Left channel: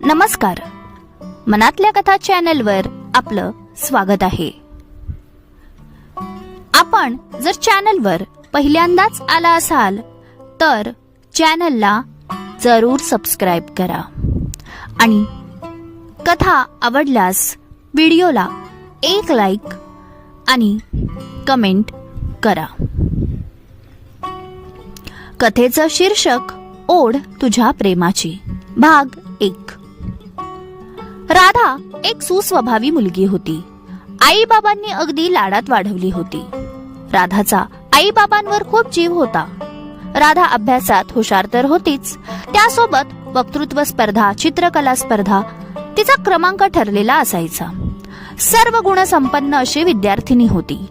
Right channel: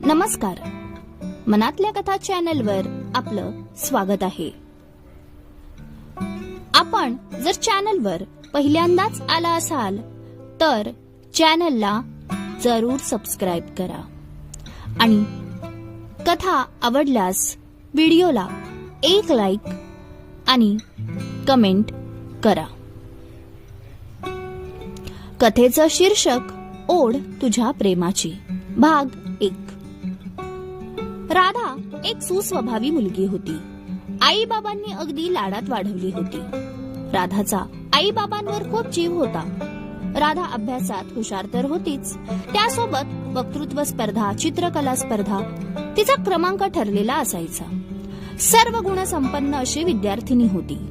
नमस्कार. मनातल्या कथा चॅनलवर आपलं स्वागत आहे. आपण जर चॅनलवर पहिल्यांदाच आला असाल तर चॅनलला जरूर सबस्क्राईब करा. आणि कथा आवडल्यास व्हिडिओला एक लाईक आणि कमेंट करा. कथेचं शीर्षक ओढ तुझ्या प्रेमाची. भाग एक. राधा एक सुस्वभावी मुलगी होती. आई बाबांनी अगदी लाडात वाढवली होती. राधाचा आई बाबांवर खूप जीव होता. राधा अभ्यासात हुशार तर होतीच. त्यासोबत वक्तृत्व स्पर्धा चित्रकला स्पर्धा तिचा क्रमांक ठरलेला असायचा. सर्व गुणसंपन्न अशी विद्यार्थिनी होती.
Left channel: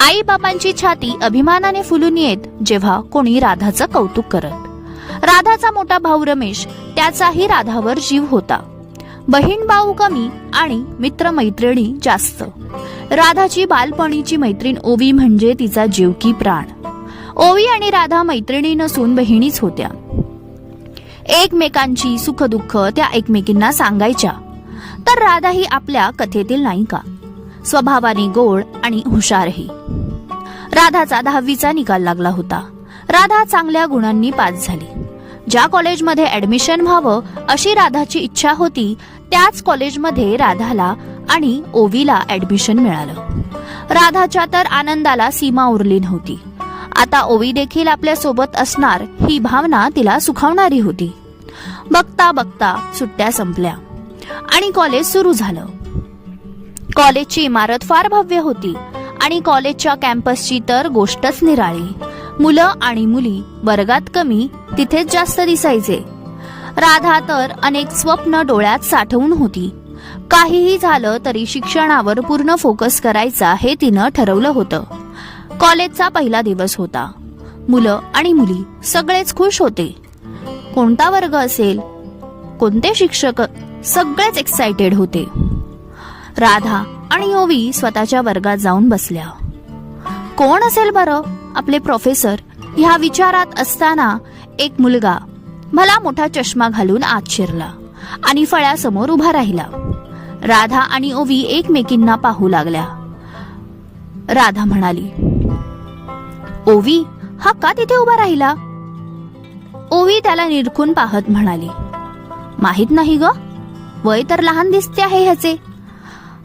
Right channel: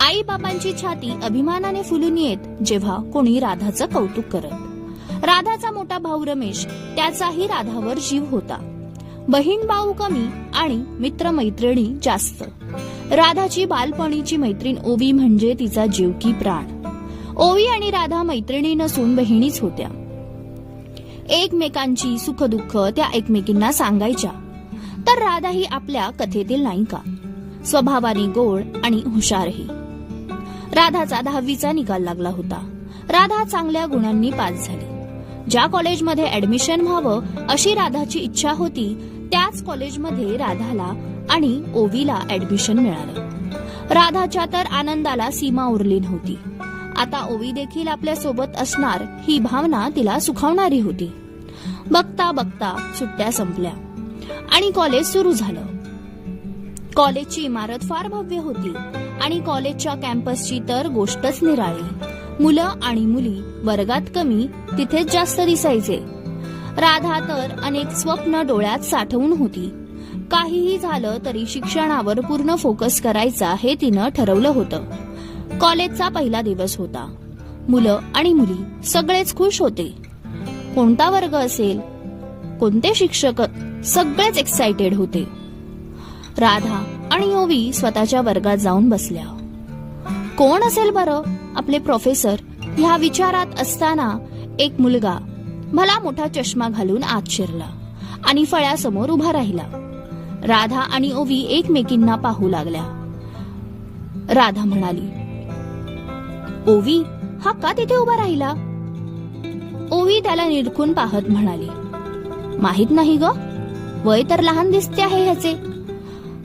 आई बाबांची छाती अभिमानाने फुलून येत जेव्हा कोणी राधाचं कौतुक करत. राधाचा मोठा भाऊ रमेश त्याचाही राधावर जीव होता. बहीण भाऊ कमी आणि मित्र मैत्रिणी जास्त. राधाची बालपणीची मैत्रीण ओवी म्हणजे तिचा जीवकी प्राण. ओवी आणि राधा मैत्रिणी नसून बहिणीच होत्या. एकमेकांची सुखदुःख त्या एकमेकींना सांगायच्या. तर राधा ही आपल्या कथेतील नायिका. स्वभावाने गोड आणि हुशारही. राधाचा दहावीचा निकाल लागला होता. राधा चांगल्या गुणांनी पास झाली. ज्या कॉलेजमध्ये ऍडमिशन व्हावं अशी राधाची इच्छा होती त्याच कॉलेजमध्ये राधाला आणि ओवीला ऍडमिशन मिळालं. राधाच्या तर आनंदाला सीमा उरली नव्हती. आता ओवी देखील आपल्यासोबत असणार ही भावना तिला सुखावणारी होती. बघता बघता सुट्ट्या संपल्या आणि कॉलेज सुरू झालं. कॉलेजची इमारत फार भव्य होती आणि कॉलेजच्या कॅम्पसची तर गोष्टच निराळी. मुलं आणि मुली वर्गात कमी तिथेच जास्त दिसायचे. राधा तर अनेक स्वप्न डोळ्यात साठवून होती. काहीही झालं तरी शिक्षणावर पूर्ण फोकस करायचा हे तिनं ठरवलं होतं. कॉलेजचा पहिला दिवस होता. मुलं आणि मुली सगळेच खुश होते. कोणता वर्ग असेल? कोणते शिक्षक? सगळेच एक्साइटेड होते. राधा आणि ओवी स्वतःच्या वर्गात जाऊन बसल्या. कोण असेल बरं? आपले प्रोफेसर ह्या विचारात असताना एक मुलगा. मला मोठा चष्मा घालून आत शिरला आणि फळ्यासमोर उभा राहिला. राधा आणि ओवी एकमेकींना पाहू लागल्या. राधा म्हणाली ओवी हा का तिथे उभा राहिला? ओवी त्याला निरखून पाहत म्हणाली माहीत नाही ग वय तर लहान दिसते आहे ह्याचे.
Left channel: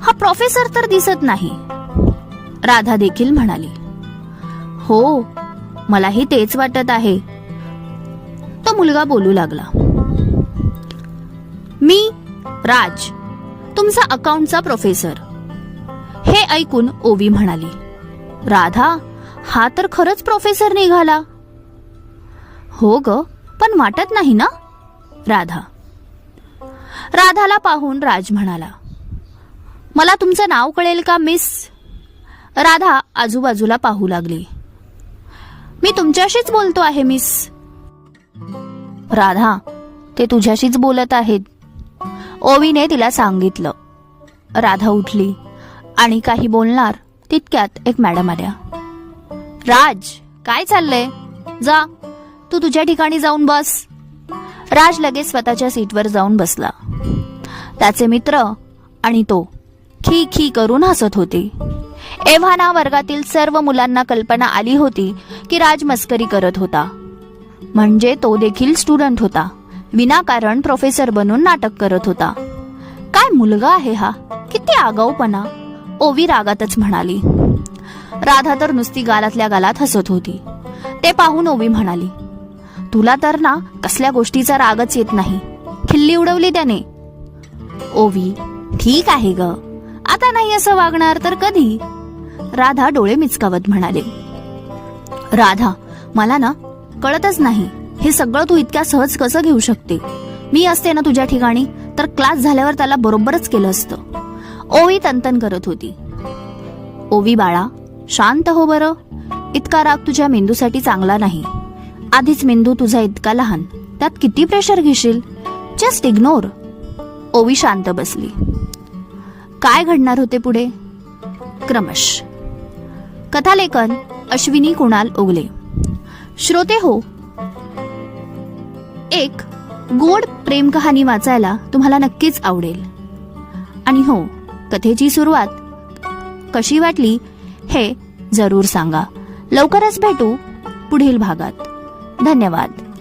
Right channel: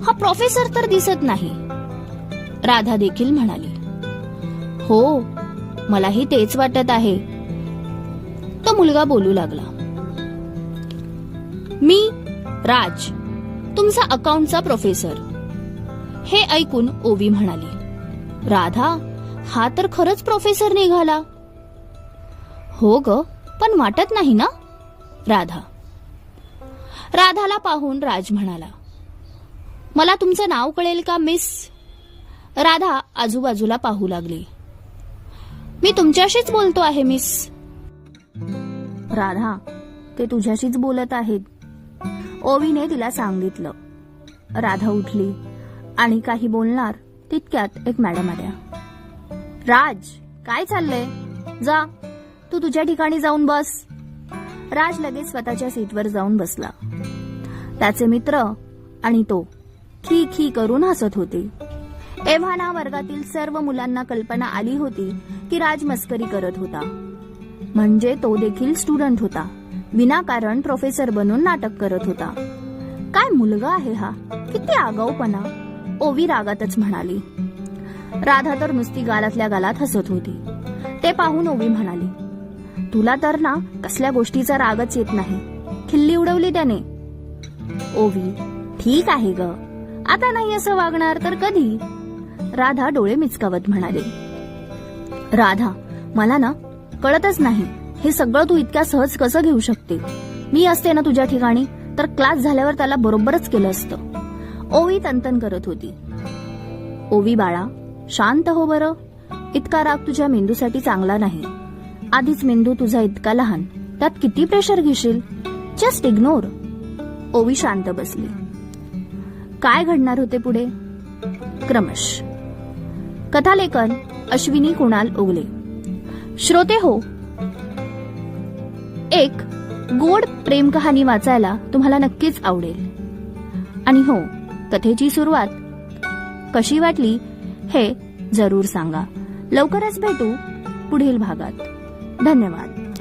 हा प्रोफेसर तर दिसत नाही. राधा देखील म्हणाली हो मलाही तेच वाटत आहे. तो मुलगा बोलू लागला मी राज तुमचा अकाउंटचा प्रोफेसर. हे ऐकून ओवी म्हणाली राधा हा तर खरंच प्रोफेसर निघाला. हो ग पण वाटत नाही ना? राधा. राधाला पाहून राज म्हणाला मला तुमचं नाव कळेल का मिस? राधा आजूबाजूला पाहू लागली मी तुमच्याशीच बोलतो आहे मिस. राधा ते तुझ्याशीच बोलत आहेत. ओवीने तिला सांगितलं. राधा उठली आणि काही बोलणार तितक्यात एक मॅडम आल्या. राज काय चाललंय? जा तू तुझ्या ठिकाणी जाऊन बस. राज लगेच स्वतःच्या सीटवर जाऊन बसला. त्याचे मित्र आणि तो खी खी करून हसत होते. एव्हाना वर्गातील सर्व मुलांना कल्पना आली होती की राज मस्करी करत होता. म्हणजे तो देखील स्टुडंट होता. विनाकारण प्रोफेसर बनून नाटक करत होता. काय मुलगा आहे हा? किती आगाऊपणा ओवी रागातच म्हणाली. राधा तर नुसती गालातल्या गालात हसत होती. ते पाहून ओवी म्हणाली तुला तर ना कसल्या गोष्टीचा रागच येत नाही. खिल्ली उडवली त्याने. ओवी ठीक आहे ग. आता नाही असं वागणार तर कधी? राधा डोळे मिचकावत म्हणाले राधा मला ना कळतच नाही. हे सगळं तू इतक्या सहज कसं घेऊ शकते? मी असते ना तुझ्या ठिकाणी? तर क्लास झाल्यावर त्याला बरोबरच केलं असतं. ओवी तंतन करत होती. ओवी बाळा शांत हो बरं. इतका राग तुझ्या मेंदूसाठी चांगला नाही. आधीच मेंदू तुझा इतका लहान. त्यात किती प्रेशर घेशील? जस्ट इग्नोर ओवी शांत बसली. काय घडणार होते पुढे? क्रमश. कथालेखन अश्विनी कुणाल उगले श्रोते हो. एक गोड प्रेम कहाणी वाचायला तुम्हाला नक्कीच आवडेल. आणि हो कथेची सुरुवात कशी वाटली हे जरूर सांगा. लवकरच भेटू पुढील भागात. धन्यवाद.